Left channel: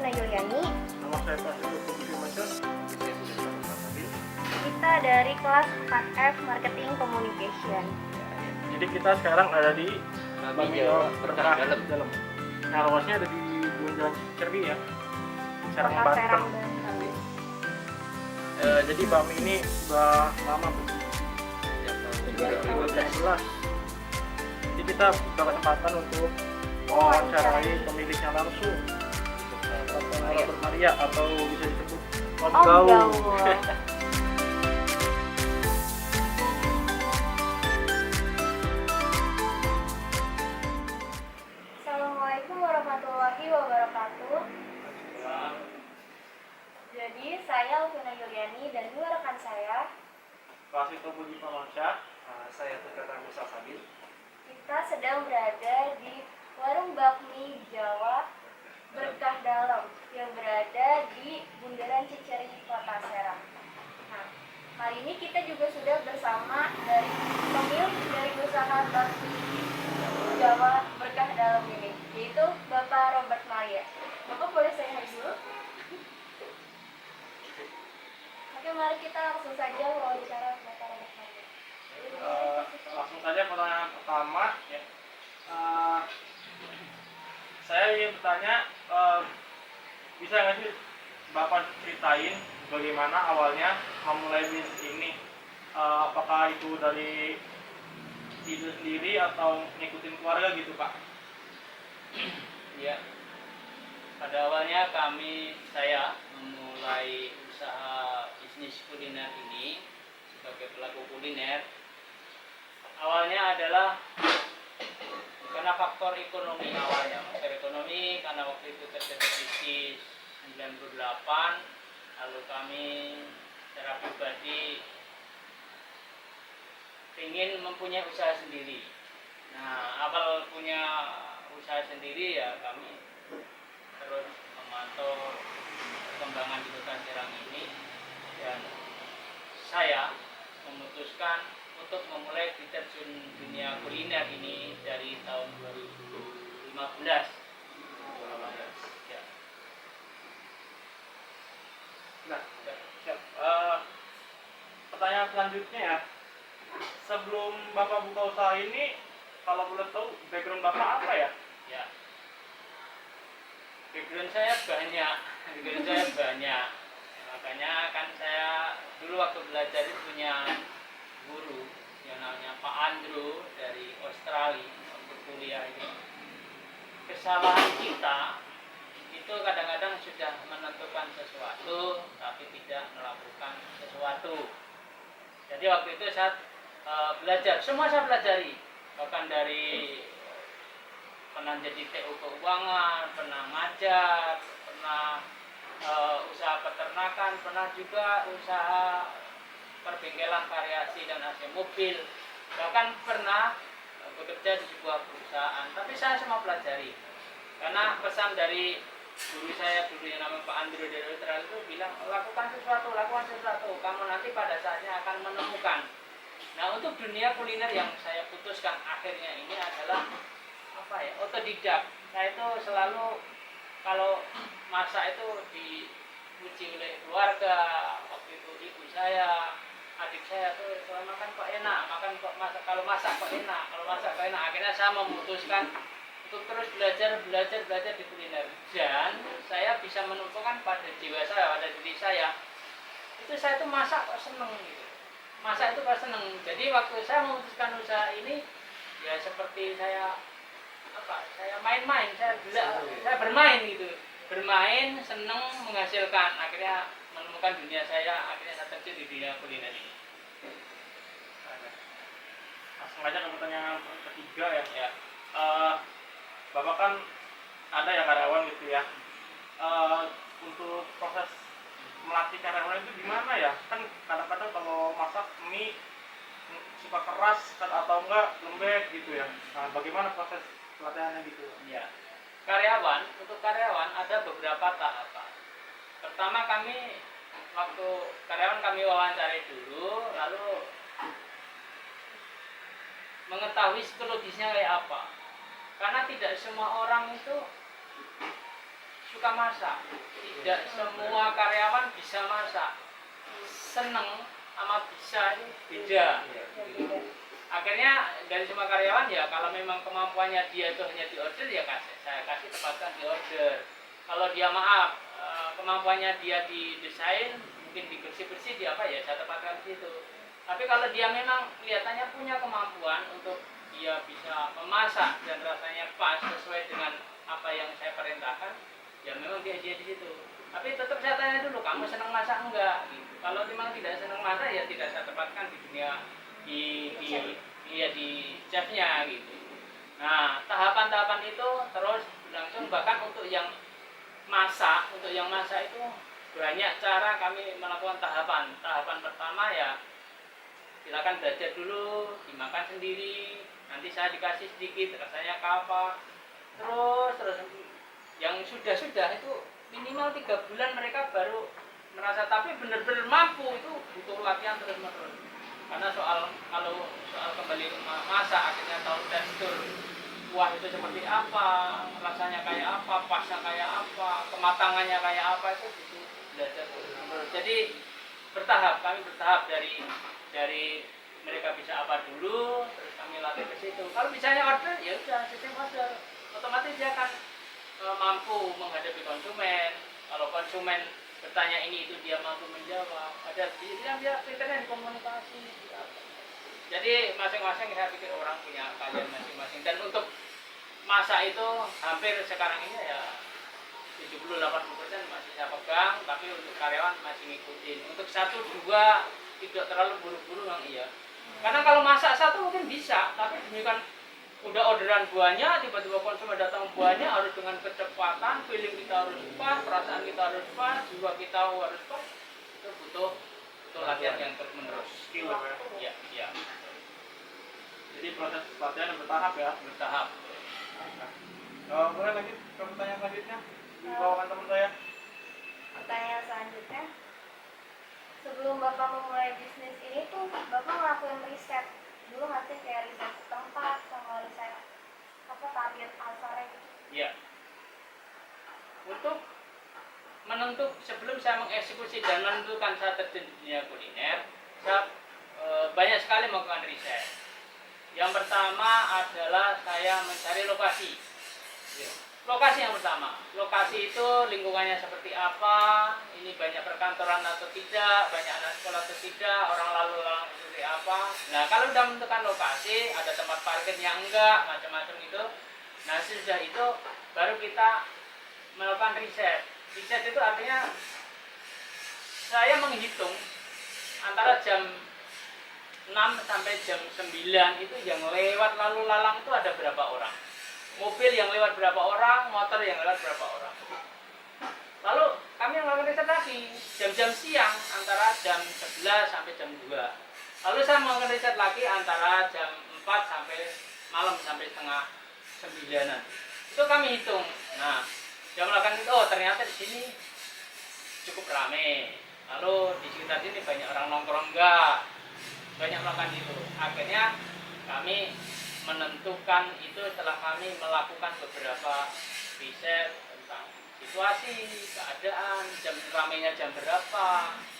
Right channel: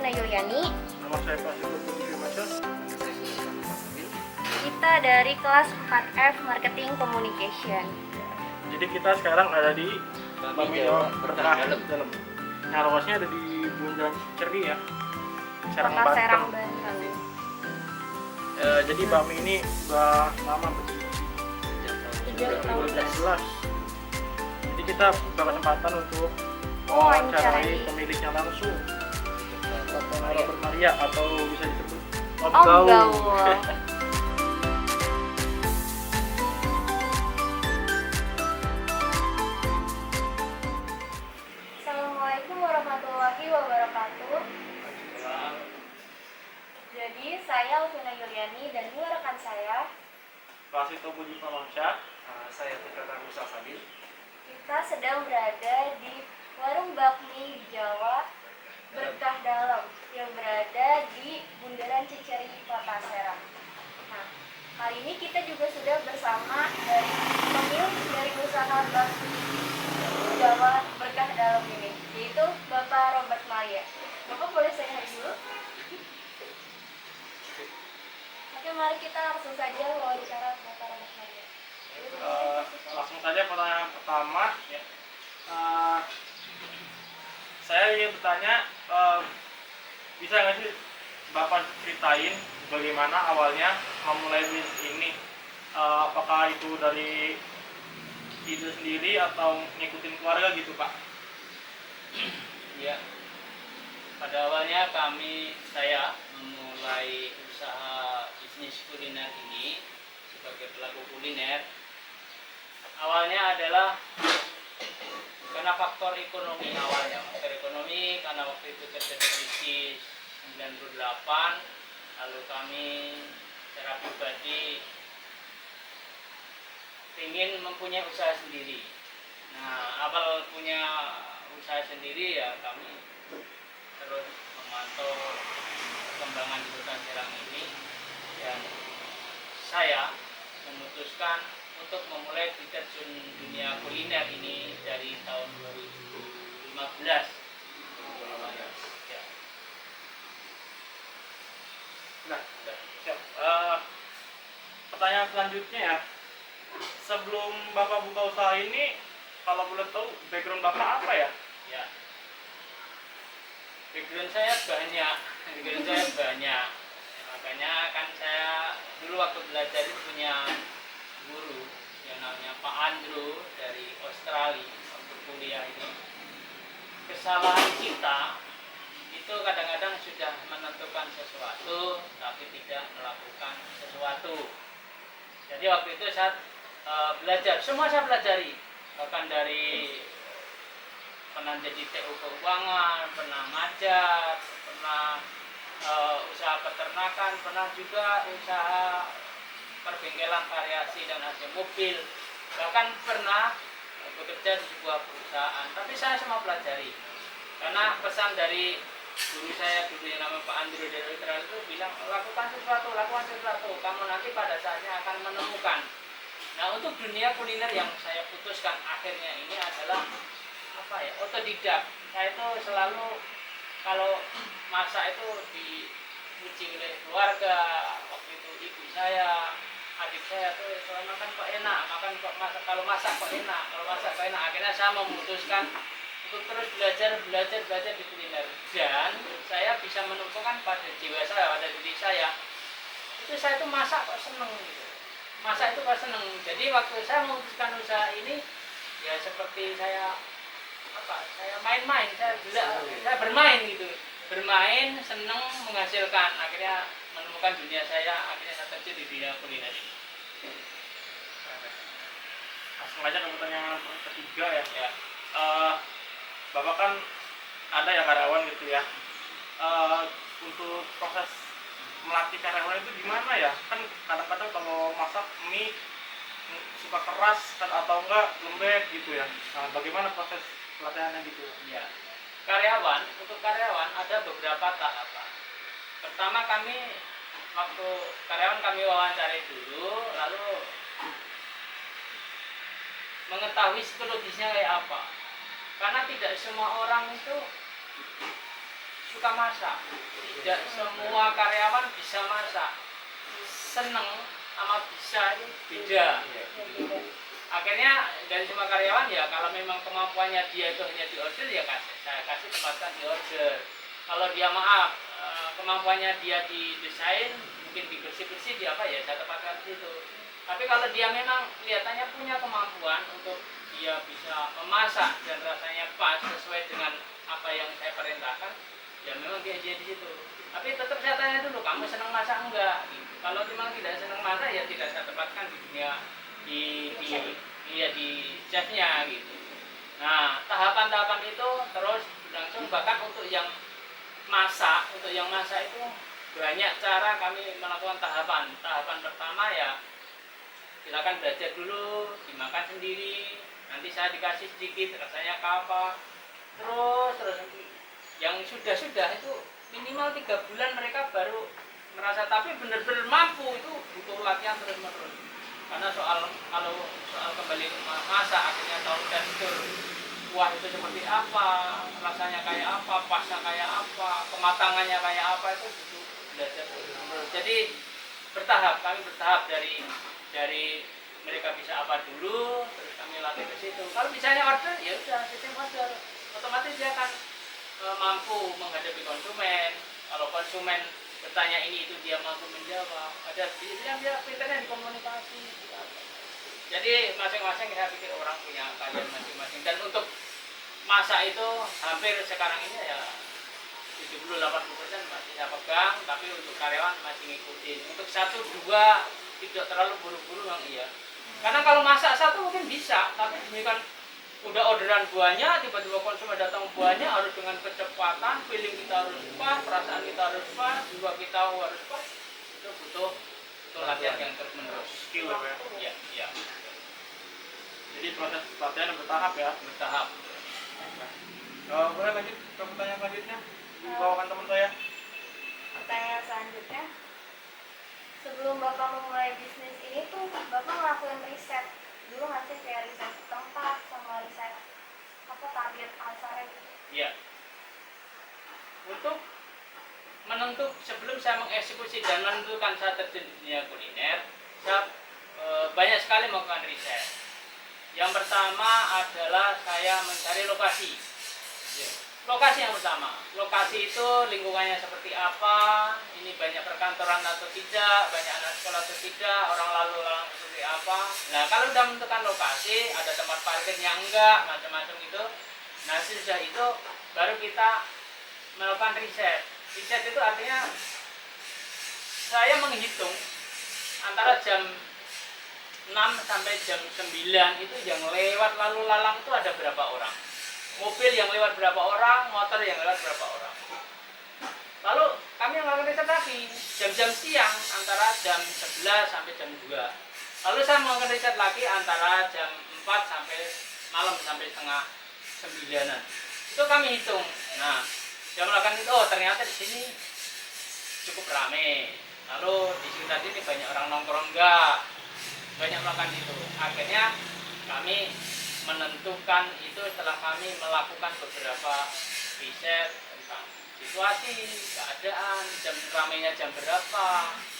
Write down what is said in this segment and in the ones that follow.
Alvina Yuliani. Nama saya Prasetyo Puji Firmansyah. Kita dari kelas 4F Marketing Communication. Jadi kita sekarang ada di Bami Jawa Berkah dalam. Nah, lokasinya ada di Bundaran Ceri ya. Serang Kota Serang, Banten. Banten. Jadi Bami ini udah lama berdiri. Sejak tahun 2012. Jadi kita buka kesempatan untuk Wawancarai. mewawancarai pemiliknya langsung. Bapak Robert Maria atau bisa disebut Om Om Gaul. Gaul. Assalamualaikum warahmatullahi wabarakatuh. Jadi saya Alvina Yuliani dan dua rekan saya, Prasetyo Puji Firmansyah. Saya Tukata Musa Fadil. kita sedang berada di Warung Bakmi Jawa Berkah Dalam yang berada di Bundaran Ciceri, Kota Serang. Nah, kali ini kita juga sudah bersama dari pemilik dari usaha Bakmi Jawa Berkah Dalam ini, yaitu Bapak Robert Maria. Bapak boleh saya hai dulu? Oke, mari kita langsung saja wawancara Bapak Robert Maria. Langsung saja pertanyaan pertama ya. Saya ingin bertanya, bisa nggak sih Bapak ceritain bagaimana awalnya memulai bisnis ini? Apakah itu dari ide sendiri atau ngikutin keluarga gitu Pak? Ya, pada awalnya saya memulai usaha bisnis kuliner ini sebagai pelaku kuliner. Awalnya adalah karena faktor ekonomi karena waktu itu terjadi krisis 98, lalu kami secara pribadi ingin mempunyai usaha sendiri. Nah, awal punya usaha sendiri ya kami terus memantau perkembangan di Kota Serang ini dan saya memutuskan untuk memulai terjun dunia kuliner ini dari tahun 2015. Ya. Nah, siap. Pertanyaan selanjutnya ya, sebelum Bapak buka usaha ini, kalau boleh tahu background Bapak apa ya? Ya. Background saya banyak. Makanya kan saya dulu waktu belajar itu punya guru yang namanya Pak Andrew dari Australia untuk kuliah ini. Kesalahan kita itu kadang-kadang sudah menentukan sesuatu tapi tidak melakukan sesuatu. Jadi waktu itu saya belajar, semua saya pelajari, bahkan dari pernah jadi TU keuangan, pernah ngajar, pernah usaha peternakan, pernah juga usaha perbengkelan variasi dan AC mobil, bahkan pernah bekerja di sebuah perusahaan. Tapi saya semua pelajari karena pesan dari guru saya dulu yang namanya Pak Andrew dari Australia itu bilang lakukan sesuatu, kamu nanti pada saatnya akan menemukan. Nah, untuk dunia kuliner yang saya putuskan akhirnya ini adalah otodidak. Saya itu selalu kalau masak itu diuji oleh keluarga. Waktu itu ibu saya, adik saya tuh kalau makan kok enak, kalau masak kok enak. Akhirnya saya memutuskan untuk terus belajar di kuliner, dan saya bisa menemukan pada jiwa saya, pada diri saya itu saya tuh masak kok seneng gitu. Jadi waktu saya memutuskan usaha ini ya seperti saya main-main, saya bermain gitu, seneng, menghasilkan. Akhirnya menemukan dunia saya, akhirnya saya terjun di dunia kuliner ini. Langsung aja ke pertanyaan ketiga ya. Bapak kan ada ya karyawan gitu ya. Untuk proses melatih karyawan itu gimana ya? Kan kadang-kadang kalau masak mie suka keras kan, atau enggak lembek gitu ya. Nah, bagaimana proses pelatihannya gitu? Ya, untuk karyawan ada beberapa tahapan. Pertama, waktu karyawan kami wawancarai dulu, lalu mengetahui psikologisnya kayak apa. Karena tidak semua orang itu suka masak. Tidak semua karyawan bisa masak. Seneng sama bisa itu beda. Akhirnya dari semua karyawan ya kalau memang kemampuannya dia itu hanya di order ya saya kasih tempatkan di order. Kalau dia maaf kemampuannya dia di desain mungkin di bersih-bersih dia apa ya saya tempatkan di situ. Tapi kalau dia memang kelihatannya punya kemampuan untuk dia bisa memasak dan rasanya pas sesuai dengan apa yang saya perintahkan, ya memang dia jadi di situ. Tapi tetap saya tanya dulu, kamu senang masak enggak? Gitu. Kalau memang tidak senang masak ya tidak saya tempatkan di dunia di chefnya gitu. Nah tahapan-tahapan itu terus berlangsung bahkan untuk yang masak itu banyak cara kami melakukan tahapan. Tahapan pertama ya silakan belajar dulu, dimakan sendiri, nanti saya dikasih sedikit rasanya apa. Terus yang sudah itu minimal 3 bulan mereka baru merasa, tapi benar-benar mampu itu butuh latihan terus menerus. Karena kalau soal kembali masak akhirnya tahu tekstur kuah itu seperti apa, rasanya kayak apa, pasnya kayak apa, kematangannya kayak apa, itu butuh belajar terus. Jadi kami bertahap dari mereka bisa apa dulu, terus kami latih ke situ. Kalau misalnya order, ya udah sistem order, otomatis dia akan mampu menghadapi konsumen. Kalau konsumen bertanya ini itu dia mampu menjawab. Ada dia pintarnya di komunikasi. Jadi masing-masing saya pikir orang punya keahlian masing-masing. Dan untuk masak itu hampir sekarang ini ya 70-80% masih saya pegang, tapi untuk karyawan masih ngikutin. Untuk 1-2 tidak terlalu buru-buru memang iya. Karena kalau masak satu mungkin bisa, tapi demikian udah orderan buahnya, tiba-tiba konsumen datang buahnya harus dengan kecepatan, feeling kita harus pas, perasaan kita harus pas, jiwa kita harus pas. Itu butuh latihan yang terus menerus. Skill ya. Ya. Jadi proses latihan bertahap ya. Bertahap. Boleh lanjut ke pertanyaan selanjutnya? Dibawakan teman saya. Pertanyaan selanjutnya, sebelum Bapak memulai bisnis ini tuh Bapak ngelakuin riset dulu nggak sih, kayak riset tempat sama riset target pasarnya gitu? Iya. Untuk sebelum saya mengeksekusi dan menentukan saya terjun di dunia kuliner, saya banyak sekali melakukan riset. Yang pertama adalah saya mencari lokasi. Lokasi yang pertama, lokasi itu lingkungannya seperti apa, ini banyak perkantoran atau tidak, banyak anak sekolah atau tidak, orang lalu lalang seperti apa. Nah kalau sudah menentukan lokasi, ada tempat parkirnya enggak, macam-macam gitu. Nah sesudah itu baru kita melakukan riset. Riset itu artinya saya menghitung antara jam 6 sampai jam 9 itu yang lewat lalu lalang itu ada berapa orang. Mobil yang lewat berapa orang, motor yang lewat berapa orang. Lalu kami melakukan riset lagi, jam-jam siang antara jam 11 sampai jam 2. Lalu saya melakukan riset lagi antara jam 4 sampai malam sampai setengah 9-an. Itu kami hitung. Nah, saya melakukan itu, oh ternyata di sini cukup ramai. Lalu di sekitar sini banyak orang nongkrong enggak. Banyak melakukan itu. Akhirnya kami menentukan itu setelah kami melakukan beberapa riset tentang situasi, keadaan, jam ramainya jam berapa,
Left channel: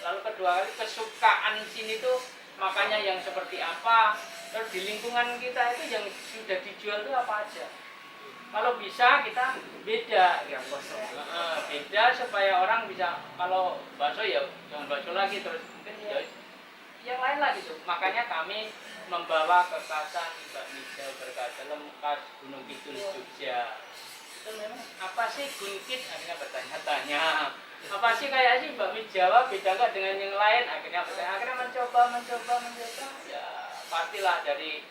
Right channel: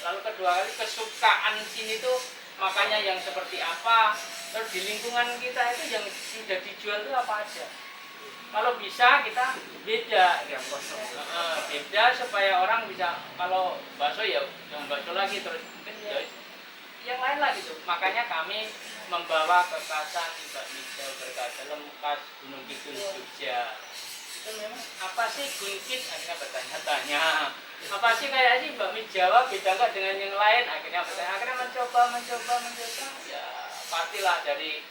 lalu kedua kali kesukaan sini tuh makanya yang seperti apa, terus di lingkungan kita itu yang sudah dijual itu apa aja. Kalau bisa kita beda, ya beda supaya orang bisa, kalau bakso ya jangan bakso lagi, terus mungkin ya yang lain lah gitu. Makanya kami membawa kekasan bakmi Jawa berkaca khas Gunung Kidul Jogja. Itu memang apa sih Gunkit? Akhirnya bertanya-tanya. Apa sih kayak sih bakmi Jawa beda nggak dengan yang lain? Akhirnya bertanya. Akhirnya mencoba. Ya pastilah dari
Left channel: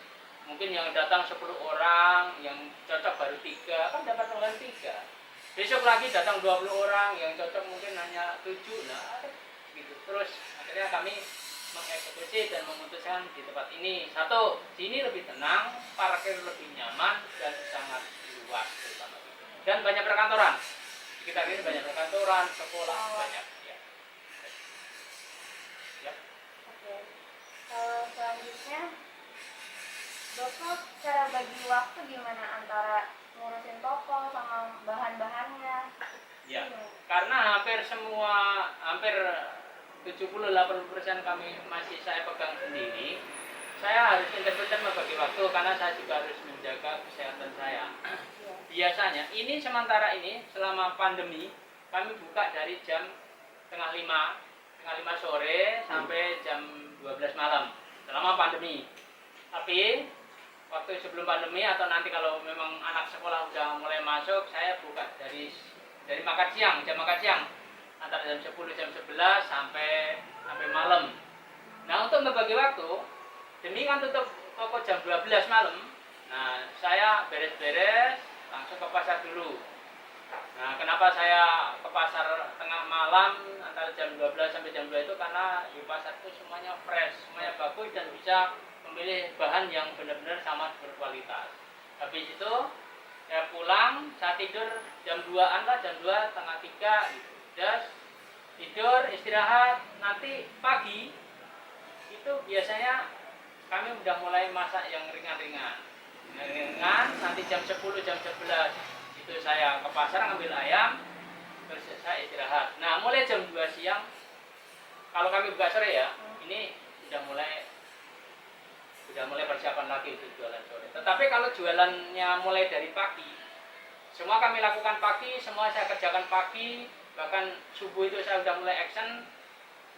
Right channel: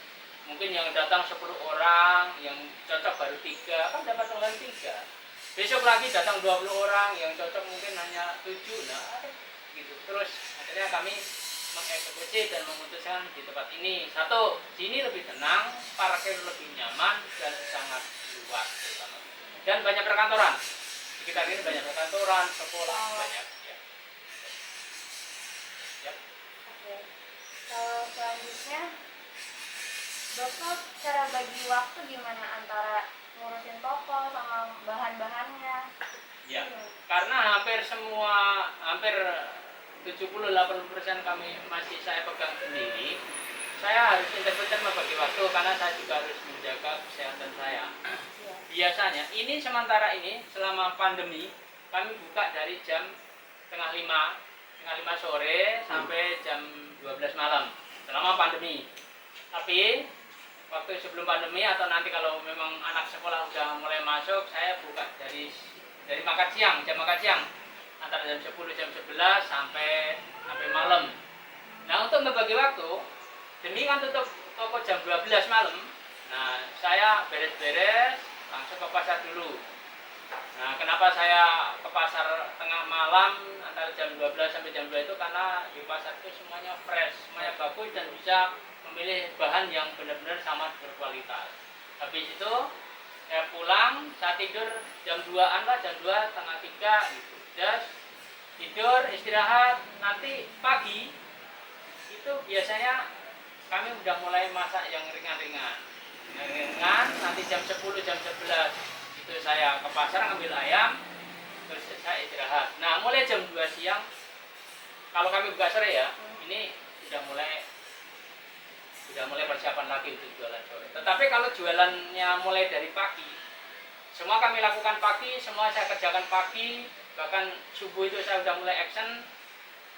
mungkin yang datang 10 orang, yang cocok baru 3, kan dapat dengan 3. Besok lagi datang 20 orang, yang cocok mungkin hanya 7. Nah, gitu. Terus akhirnya kami mengeksekusi dan memutuskan di tempat ini. Satu, sini lebih tenang, parkir lebih nyaman dan sangat luas terutama. Dan banyak perkantoran. Sekitar ini banyak perkantoran, sekolah banyak. Ya. Ya. Oke. Kalau selanjutnya, Bapak cara bagi waktu gimana antara ngurusin toko sama bahan-bahannya? Ya, karena hampir 70-80% kami masih saya pegang sendiri. Saya harus intermittent membagi waktu karena saya juga harus menjaga kesehatan saya. Biasanya ini sementara ini selama pandemi kami buka dari jam setengah lima sore sampai jam 12 malam selama pandemi. Tapi waktu sebelum pandemi atau nanti kalau memang anak sekolah sudah mulai masuk, saya buka dari makan siang, jam makan siang antara jam 10 jam 11 sampai malam. Nah, untuk membagi waktu, demi kan tutup toko jam 12 malam. Nah, saya beres-beres langsung ke pasar dulu. Nah, kenapa saya ke pasar tengah malam antara jam 12 sampai jam 2 itu karena di pasar itu semuanya fresh, semuanya bagus dan bisa memilih bahan yang benar-benar sama berkualitas. Habis itu saya pulang, saya tidur jam 2-an lah, jam 2, setengah 3 gitu. Terus tidur, istirahat, nanti pagi itu biasanya kami udah mulai masak yang ringan-ringan. Nanti jam 10, jam 11 itu saya ke pasar ngambil ayam, terus saya istirahat. Nah, mulai jam 2 siang, kalau kami buka sore ya, ini sudah mulai persiapan lagi untuk jualan sore. Tetapi kalau jualannya mulai dari pagi, semua kami lakukan pagi, semua saya kerjakan pagi, bahkan subuh itu saya sudah mulai action.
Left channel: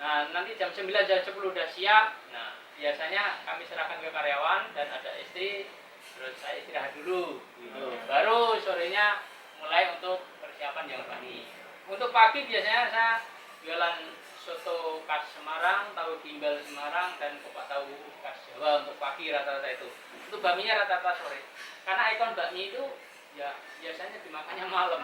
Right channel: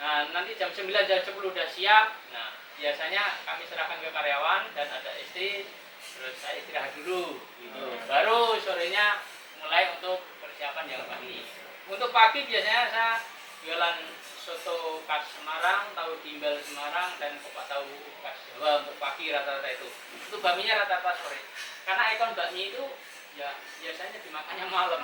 Nah, nanti jam 9, jam 10 udah siap. Nah, biasanya kami serahkan ke karyawan dan ada istri, terus saya istirahat dulu gitu. Baru sorenya mulai untuk persiapan yang pagi. Untuk pagi biasanya saya jualan soto khas Semarang, tahu timbal Semarang, dan kupat tahu khas Jawa untuk pagi rata-rata itu. Untuk bakminya rata-rata sore. Karena ikon bakmi itu ya biasanya dimakannya malam.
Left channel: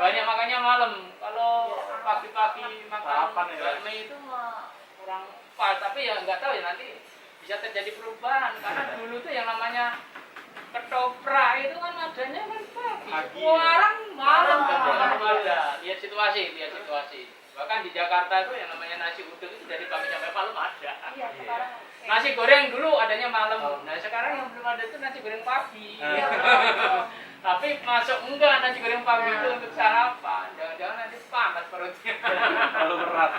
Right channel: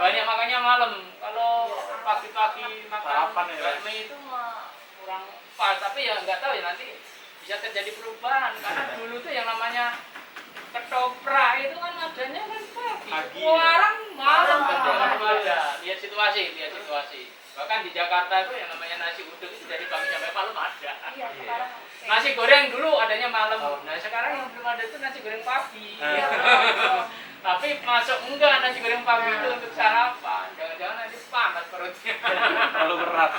Banyak makannya malam. Kalau pagi-pagi makan bakmi itu mah kurang pas. Tapi ya nggak tahu ya, nanti bisa terjadi perubahan. Karena dulu tuh yang namanya ketoprak itu kan adanya kan pagi. Sekarang malam ada. Lihat situasi. Bahkan di Jakarta itu yang namanya nasi uduk itu dari pagi sampai malam ada. Iya, sekarang Nasi goreng dulu adanya malam. Nah, sekarang yang belum ada itu nasi goreng pagi. Tapi masuk enggak nasi goreng pagi itu untuk sarapan. Jangan-jangan nanti panas perutnya. Terlalu berat.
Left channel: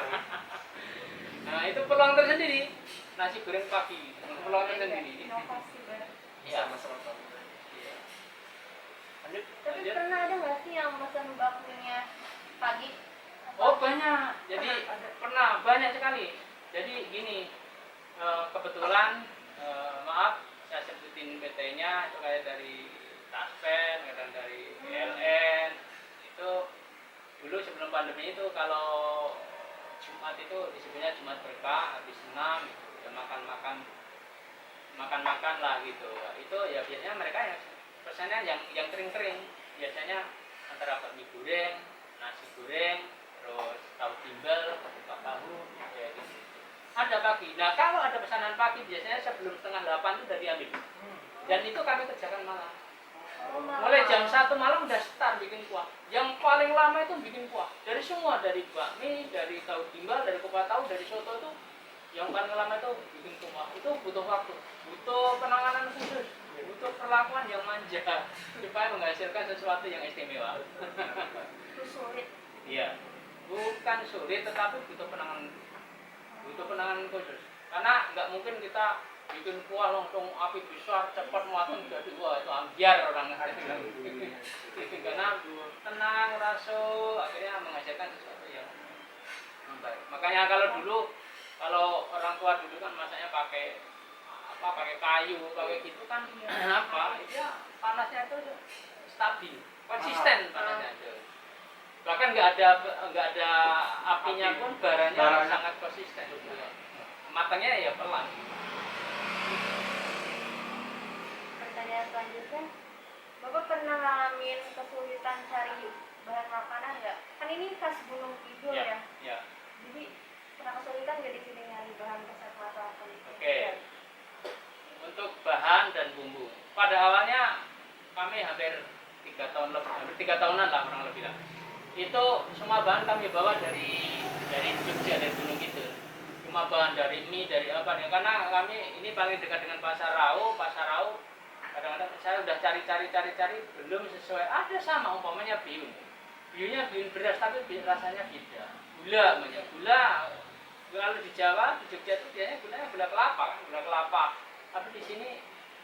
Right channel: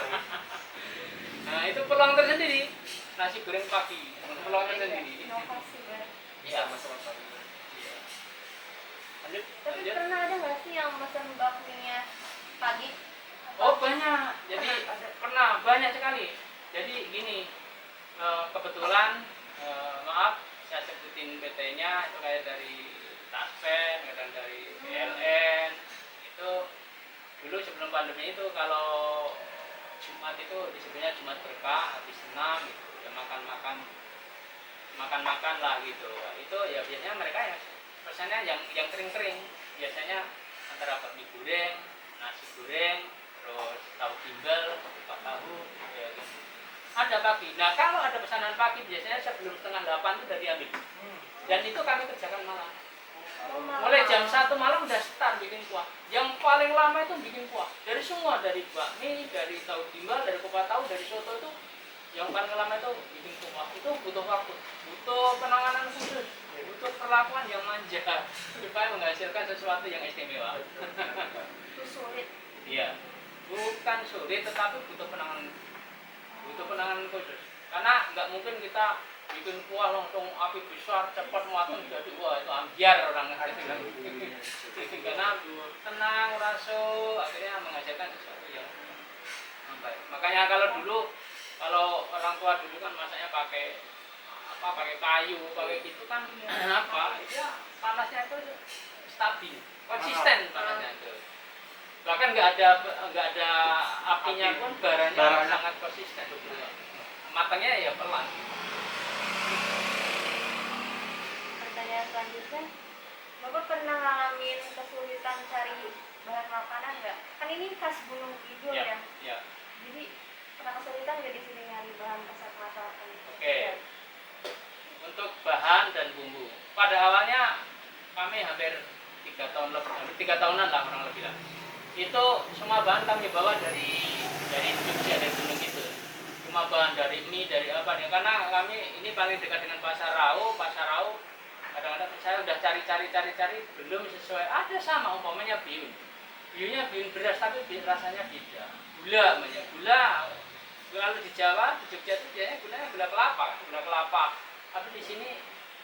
Nah, itu peluang tersendiri. Nasi goreng pagi, peluang tersendiri. inovasi banget. Iya, Sama-sama. Iya. Tapi pernah ada nggak sih yang pesan bakminya pagi? Oh, banyak. Jadi pernah banyak sekali. Jadi gini, kebetulan maaf saya sebutin PT-nya itu kayak dari Taspen, kadang dari PLN. Itu dulu sebelum pandemi itu kalau Jumat itu disebutnya Jumat berkah, habis 6 gitu. Ya makan lah gitu. Itu ya biasanya mereka yang pesannya yang kering-kering. Biasanya antara bakmi goreng, nasi goreng, terus tahu timbal, kupat tahu, kayak gitu. Ada pagi. Nah, kalau ada pesanan pagi biasanya sebelum setengah 8 itu udah diambil. Dan itu kami kerjakan malam. Mulai jam 1 malam udah start bikin kuah. Yang paling lama itu bikin kuah. Dari semua, dari bakmi, dari tahu timbal, dari kupat tahu, dari soto itu yang paling lama itu bikin kuah. Itu butuh waktu, butuh penanganan khusus, butuh perlakuan yang manja supaya menghasilkan sesuatu yang istimewa. Itu sulit. Iya. Bukan sulit, tetapi butuh penanganan khusus. Karena nggak mungkin kita bikin kuah langsung api besar cepat matang jadi wah itu ambiar orang karena tenang rasul akhirnya menghasilkan sesuatu yang baik. Makanya kalau orang tua dulu kan masaknya pakai kayu pakai gitu kan ya panasnya itu stabil konsisten panasnya itu. Bahkan nggak ada apinya pun baranya sangat konsisten. Matangnya ya pelan. Pertanyaan selanjutnya, Bapak pernah ngalamin kesulitan cari bahan makanan nggak? Kan ini khas Gunung Kidul ya. Ya. Jadi pernah kesulitan nggak di sini nyari bahan resep masakan? Oke. Untuk bahan dan bumbu. Pada awalnya kami hampir 3 tahunan lah kurang lebih lah. Itu semua bahan kami bawa dari Jogja, dari Gunung Kidul. Cuma bahan dari mie, dari apa nih? Karena kami ini paling dekat dengan Pasar Rau. Kadang-kadang saya udah cari belum sesuai. Ada sama umpamanya bihun. bihunnya bihun beras tapi rasanya beda. Gula namanya. Gula kalau di Jawa, di Jogja itu biasanya gulanya gula kelapa kan, gula kelapa. Tapi di sini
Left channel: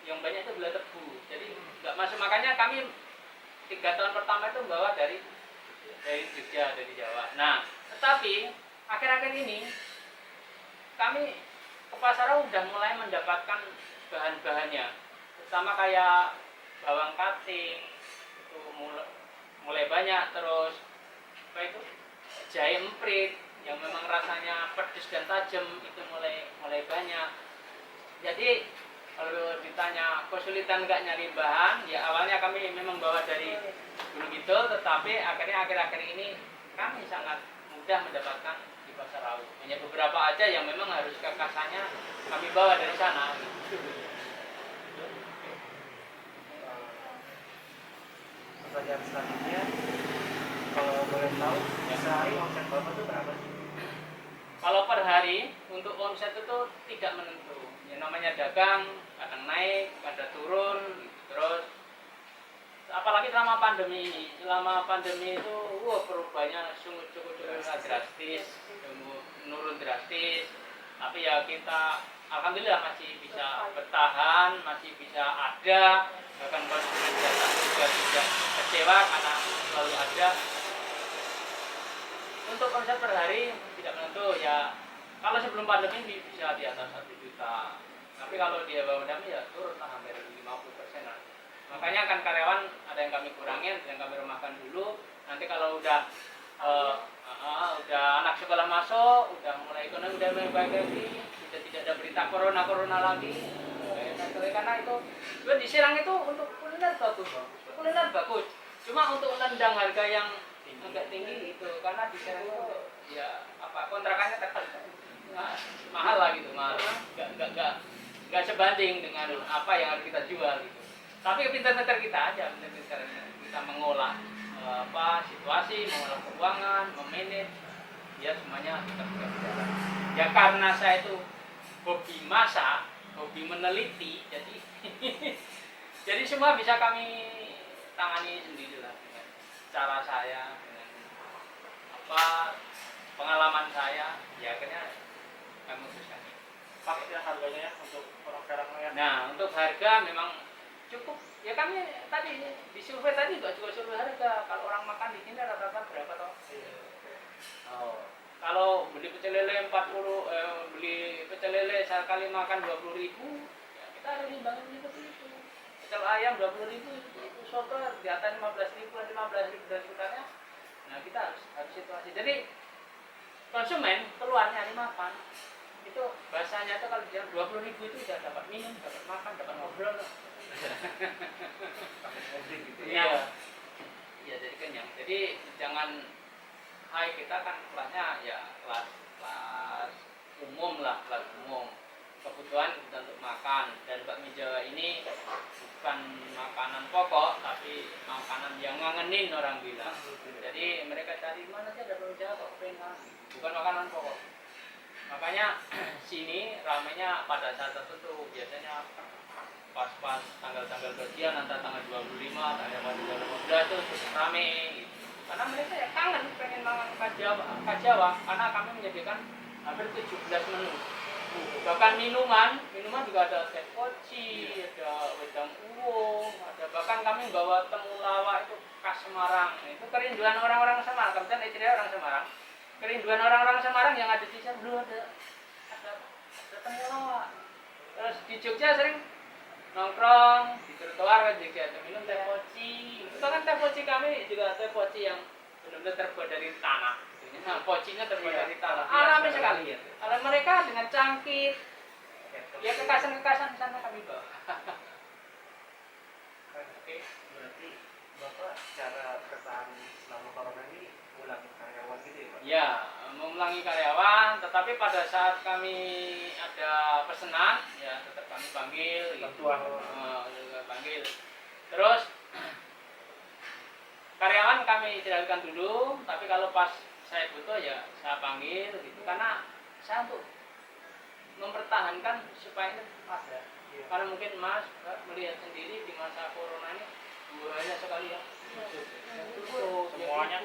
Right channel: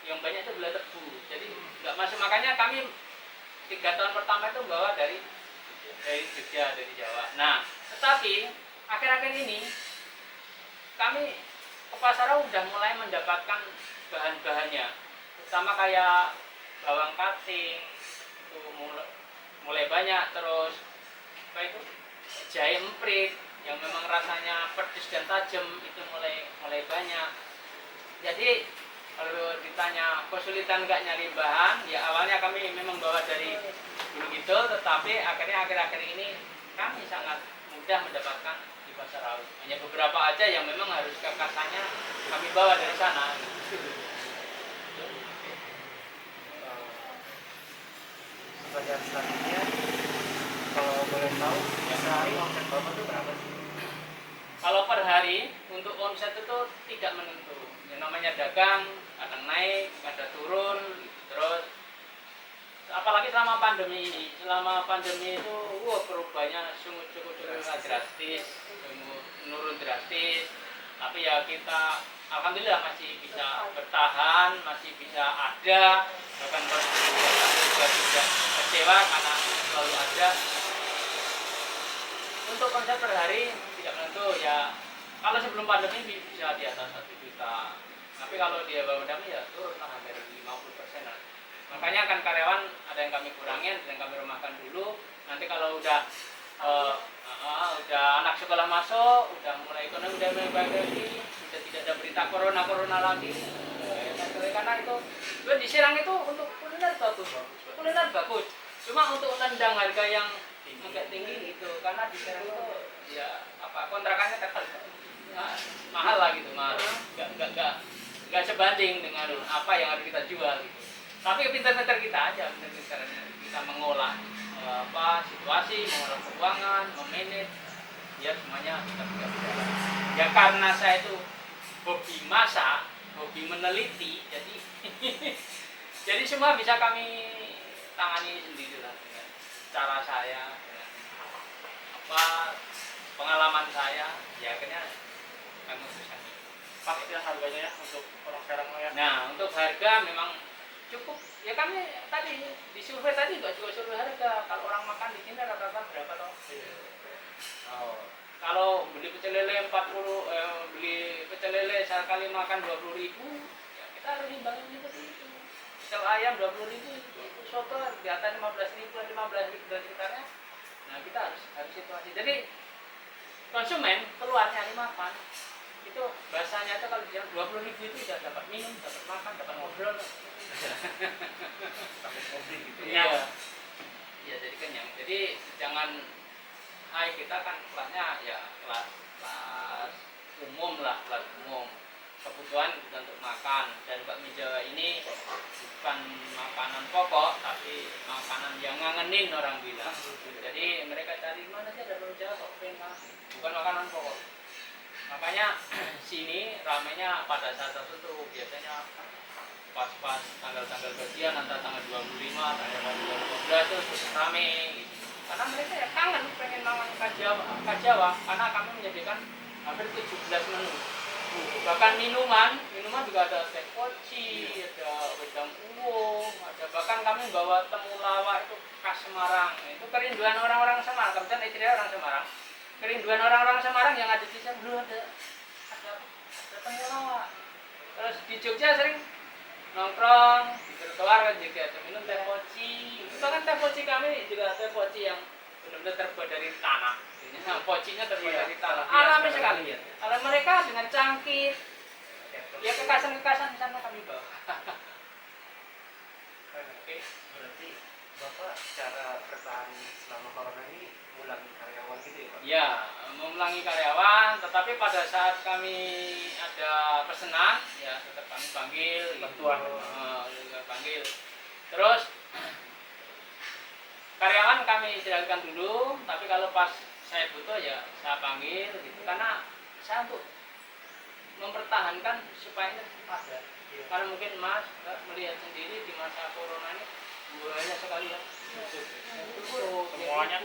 yang banyak itu gula tebu. Jadi nggak masuk, makanya kami 3 tahun pertama itu bawa dari Jogja, dari Jawa. Nah, tetapi akhir-akhir ini kami ke pasaran udah mulai mendapatkan bahan-bahannya, terutama kayak bawang kating itu mulai banyak, terus apa itu jahe emprit yang memang rasanya pedas dan tajam itu mulai banyak. Jadi kalau ditanya kesulitan nggak nyari bahan, ya awalnya kami memang bawa dari Gunung Kidul, tetapi akhirnya akhir-akhir ini kami sangat mudah mendapatkan di pasar rawit. Hanya beberapa aja yang memang harus kekasannya kami bawa dari sana. Pertanyaan selanjutnya, kalau boleh tahu sehari omset bapak itu berapa sih? Kalau per hari untuk omset itu tidak menentu. Yang namanya dagang kadang naik, kadang turun, gitu. Terus apalagi selama pandemi ini, selama pandemi itu perubahannya cukup drastis, menurun drastis. Tapi ya kita alhamdulillah masih bisa bertahan, masih bisa ada, bahkan kalau juga tidak kecewa karena selalu ada. Untuk omset per hari tidak menentu ya. Kalau sebelum pandemi bisa di atas 1 juta. Tapi kalau dia bawah pandemi ya turun lah hampir 50% lah. Makanya kan karyawan ada yang kami kurangin, ada yang kami rumahkan dulu. Nanti kalau udah anak sekolah masuk, udah mulai ekonomi udah mulai baik lagi, sudah tidak ada berita corona lagi. Karena itu di Serang itu untuk kuliner bagus. Cuma untuk tendang harga yang agak tinggi itu, karena di Serang itu ya kontrakannya mahal lah gitu, mahal. Nggak sebanding dengan apa yang harus kita jual gitu. Tapi pintar-pintar kita aja, pintar-pintar kita mengolah situasi, mengolah keuangan, memanage, ya semuanya kita bisa berjalan. Ya karena saya itu hobi masak, hobi meneliti, jadi jadi semua bisa kami tangani sendiri lah dengan cara saya, dengan pengalaman saya, ya akhirnya kami memutuskan. Pas ya harganya ya untuk orang Serang ya. Nah, untuk harga memang cukup. Ya kami tadi di survei tadi juga survei harga. Kalau orang makan di sini rata-rata berapa toh? Oh, kalau beli pecel lele beli pecel lele sekali makan 20.000, ya kita harus imbangin seperti itu. Pecel ayam 20.000, itu soto di atas 15.000 dan sekitarnya. Nah, kita harus situasi. Jadi konsumen keluar nyari makan. Itu bahasanya itu kalau bilang 20.000 itu sudah dapat minum, dapat makan, dapat ngobrol. Gitu. Iya. Iya, jadi kenyang. Jadi jangan kita kan kelasnya ya kelas umum lah, kelas umum. Kebutuhan untuk makan, dan bakmi Jawa ini bukan makanan pokok tapi makanan yang ngangenin orang bilang. Jadi mereka cari mana sih ada bakmi Jawa kok pengen makan. Bukan makanan pokok. Makanya sini ramenya pada saat tertentu, biasanya pas tanggal-tanggal gajian antara tanggal 25 tanggal 15 itu rame gitu. Karena mereka ya kangen pengen makan Jawa, karena kami menyediakan hampir 17 menu. Bahkan minuman juga ada teh poci, ada wedang uwo, ada bahkan kami bawa temulawak itu khas Semarang. Itu kerinduan orang-orang Semarang, kebetulan istri orang Semarang. Kerinduan orang-orang Semarang yang ada di sana belum ada temulawak. Terus di Jogja sering nongkrong di trotoar kan juga ada minum teh poci. Itu kan teh poci kami juga teh poci yang benar-benar terbuat dari tanah. Nah, pocinya terbuat dari tanah. Alami sekali ya. Kalau mereka dengan cangkir, ya kekasan-kekasan di sana kami bawa. Oke, berarti Bapak cara bertahan selama corona ini ngulangi karyawan gitu ya Pak? Ya, mengulangi karyawan, tetapi pada saat kami ada pesanan, ya tetap kami panggil. Bantuan. Panggil. Terus karyawan kami istirahatkan dulu, tapi kalau pas saya butuh ya saya panggil gitu, karena saya untuk mempertahankan supaya ini ada. Karena mungkin Mas melihat sendiri di masa corona ini banyak sekali ya Semuanya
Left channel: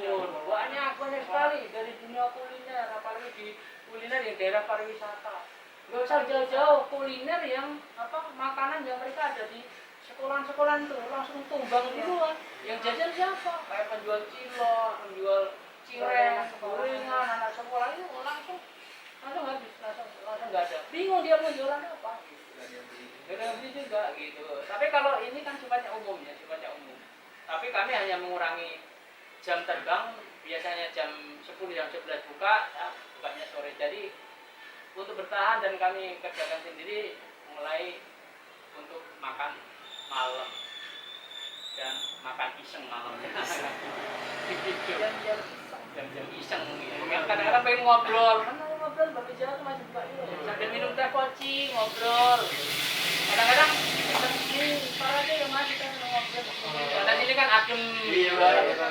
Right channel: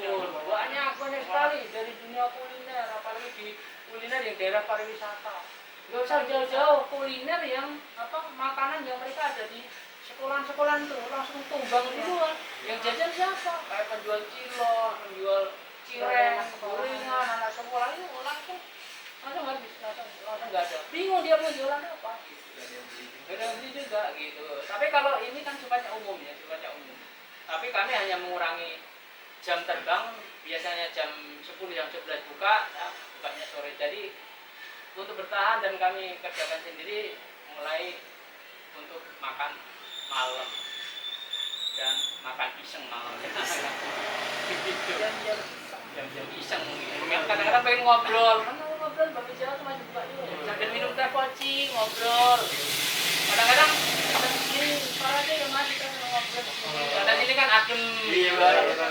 banyak sekali dari dunia kuliner, apalagi di kuliner yang daerah pariwisata. Gak usah jauh-jauh, kuliner yang makanan yang mereka ada di sekolahan-sekolahan tuh langsung tumbang duluan. Yang jajan siapa? Kayak penjual cilok, penjual cireng, gorengan, anak sekolah itu langsung habis, langsung nggak ada. Bingung dia mau jualan apa? Gak ada yang beli juga gitu. Tapi kalau ini kan sifatnya umum ya, sifatnya umum. Tapi kami hanya mengurangi jam terbang, biasanya jam 10 jam 11 buka, ya, bukanya sore. Jadi untuk bertahan dan kami kerjakan sendiri mulai untuk makan malam dan makan iseng malam. Gitu. Jam-jam iseng gitu. Kadang-kadang pengen ngobrol, kan ngobrol bapak jalan masih buka juga. Sambil minum teh poci, ngobrol. Kadang-kadang ini parahnya ya mas kita ngobrol di sini. Karena sini kan adem,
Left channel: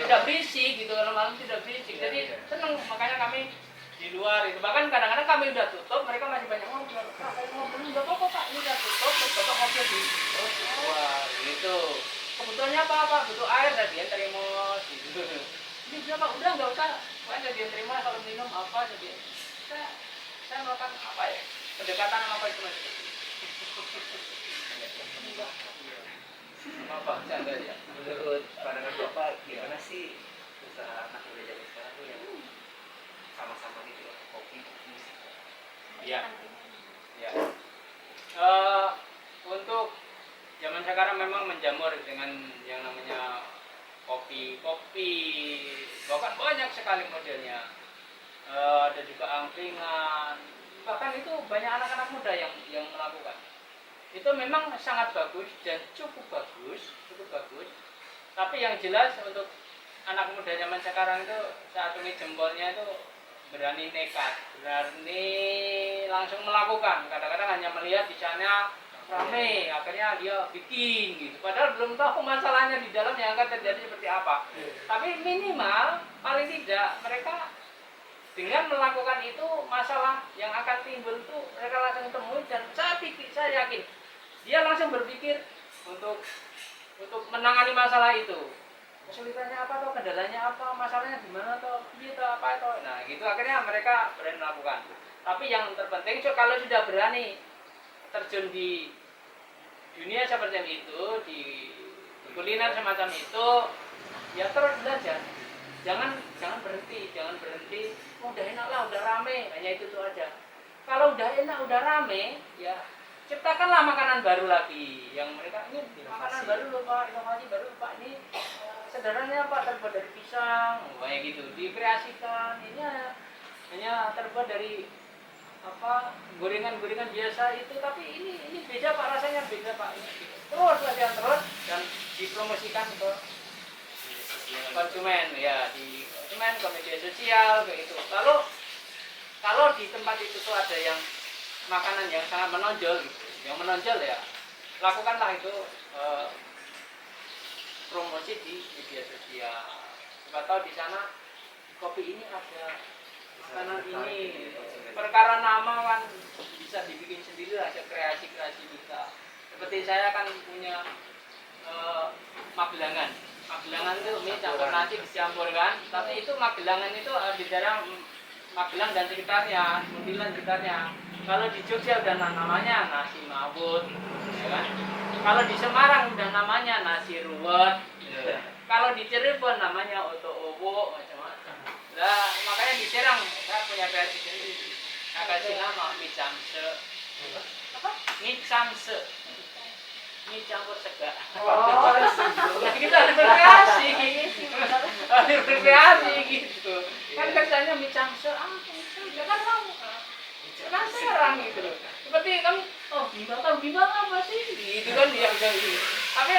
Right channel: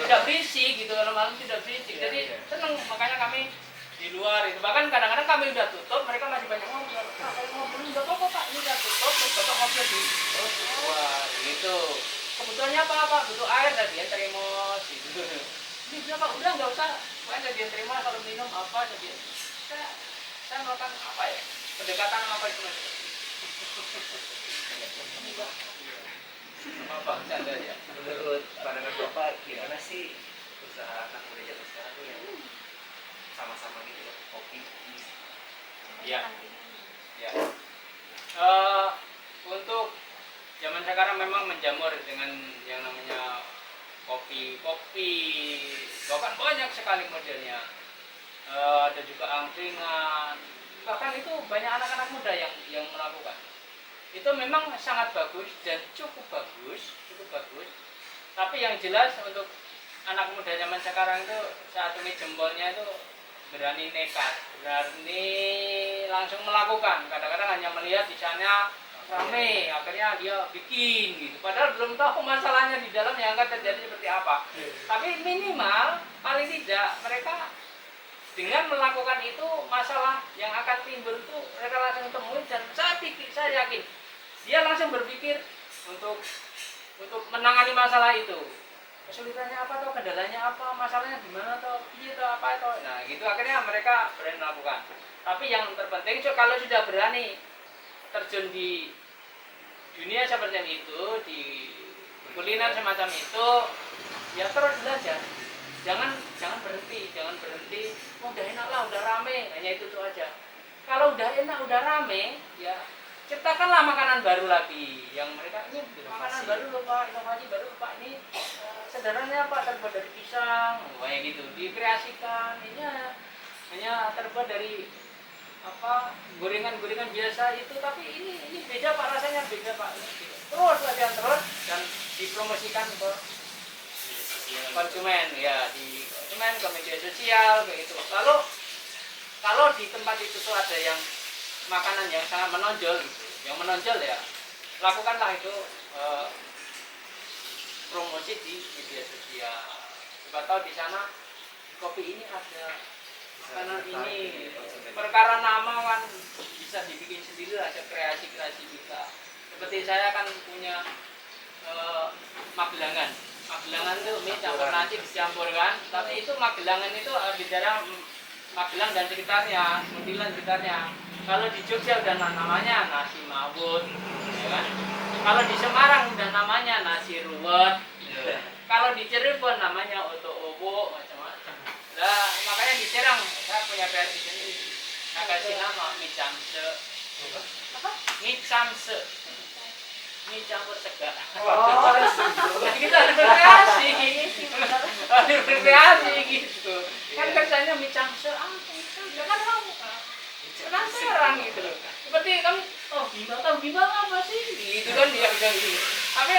tidak berisik gitu, kalau malam tidak berisik. Jadi seneng, makanya kami di luar itu. Bahkan kadang-kadang kami udah tutup, mereka masih banyak ngobrol. Pak, saya ngobrol nggak apa-apa pak, ini udah tutup, terus bapak ngobrol di luar gitu. Kebutuhannya apa pak? Butuh air dan dia terima gitu. Ini berapa? Udah nggak usah. Pokoknya dia terima kalau minum apa saja. Saya melakukan apa ya? Pendekatan apa itu mas? Apa canda ya? Menurut pandangan Bapak gimana sih usaha anak muda zaman sekarang tuh yang sama-sama gitu loh, kopi bisnis? Ya. Ya. Untuk zaman sekarang memang menjamur dengan yang namanya kopi, bahkan banyak sekali modelnya. Ada juga angkringan, bahkan itu banyak anak-anak muda yang melakukan. Itu memang sangat bagus dan cukup bagus. Tapi yang jelas untuk anak muda zaman sekarang itu saat ini jempolnya itu berani nekat, berani langsung melakukan. Kadang-kadang hanya melihat di sana rame, akhirnya dia bikin gitu. Padahal belum tahu masalahnya di dalam yang akan terjadi seperti apa. Tapi minimal paling tidak mereka dengan melakukan itu masalah yang akan timbul itu mereka langsung temuin dan saya yakin dia langsung berpikir untuk menangani masalah itu. Kesulitannya apa atau kendalanya apa, masalahnya di mana atau iya atau apa atau. Nah, gitu akhirnya mereka berani melakukan. Tapi yang terpenting kalau sudah berani terjun di dunia seperti itu, di kuliner semacam itu, ya terus belajar. Jangan berhenti. Oh, udah enak lah, udah rame, hanya itu tuh aja. Kalau udah enak, udah rame, ya ciptakanlah makanan baru lagi. Yang mereka ini makanan baru loh pak, inovasi baru loh pak. Ini sederhananya pak terbuat dari pisang, kayak gitu. Dikreasikan, ini hanya terbuat dari gorengan biasa itu, tapi ini beda pak, rasanya beda pak. Terus latihan terus dan dipromosikan ke konsumen ya, di konsumen ke media sosial kayak gitu. Kalau di tempat itu tuh ada yang makanan yang sangat menonjol gitu, yang menonjol ya lakukanlah itu promosi di media sosial. Siapa tahu di sana kopi ini ada makanan ini, perkara nama kan bisa dibikin sendiri, ada kreasi juga. Seperti saya kan punya Magelangan itu mie campur nasi dicampurkan, tapi itu Magelangan itu di daerah Magelang dan sekitarnya, Muntilan sekitarnya. Kalau di Jogja udah namanya nasi mawut, ya kan? Kalau di Semarang udah namanya nasi ruwet. Kalau di Cirebon namanya oto-owo, macam-macam. Nah, makanya di Serang saya punya kreasi sendiri. Saya kasih nama mie camse. Apa? Mie camse. Mie campur sega. Oh, Jadi kita harus berkreasi. Harus berkreasi gitu. Kan kerjanya mie camse, ya kan kamu penasaran gitu loh. Seperti kamu, tahu bimbang apa sih? Gitu kan dia bilang gitu. Tapi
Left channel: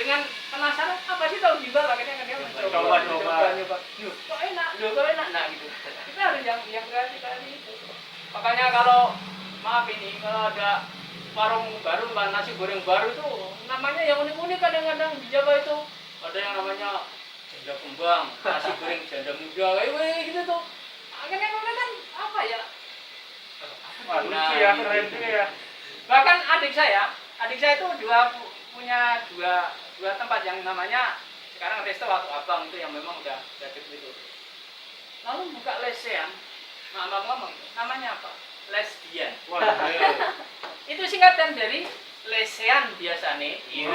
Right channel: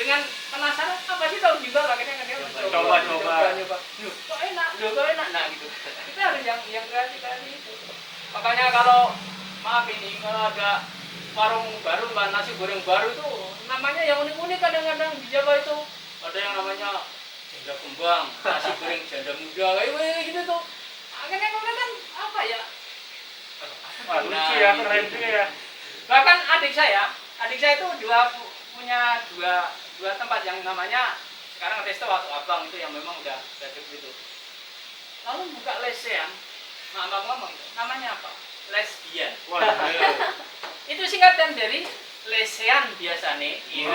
dengan penasaran apa sih tahu bimbang, akhirnya kan dia mencoba. Kok enak, nah gitu. Kita harus yang kreasi itu. Makanya kalau maaf ini, kalau ada warung baru, nasi goreng baru itu namanya yang unik-unik kadang-kadang di Jawa itu. Ada yang namanya janda kembang, nasi goreng janda muda, kayak gitu tuh. Akhirnya kan apa ya? Lucu ya, keren juga ya. Bahkan adik saya itu punya dua tempat yang namanya sekarang Resto waktu abang itu yang memang udah cukup itu. Lalu buka lesehan, maaf ngomong, namanya apa? Lesbian. Wah, iya. Itu singkatan dari lesehan biasanya. Iya.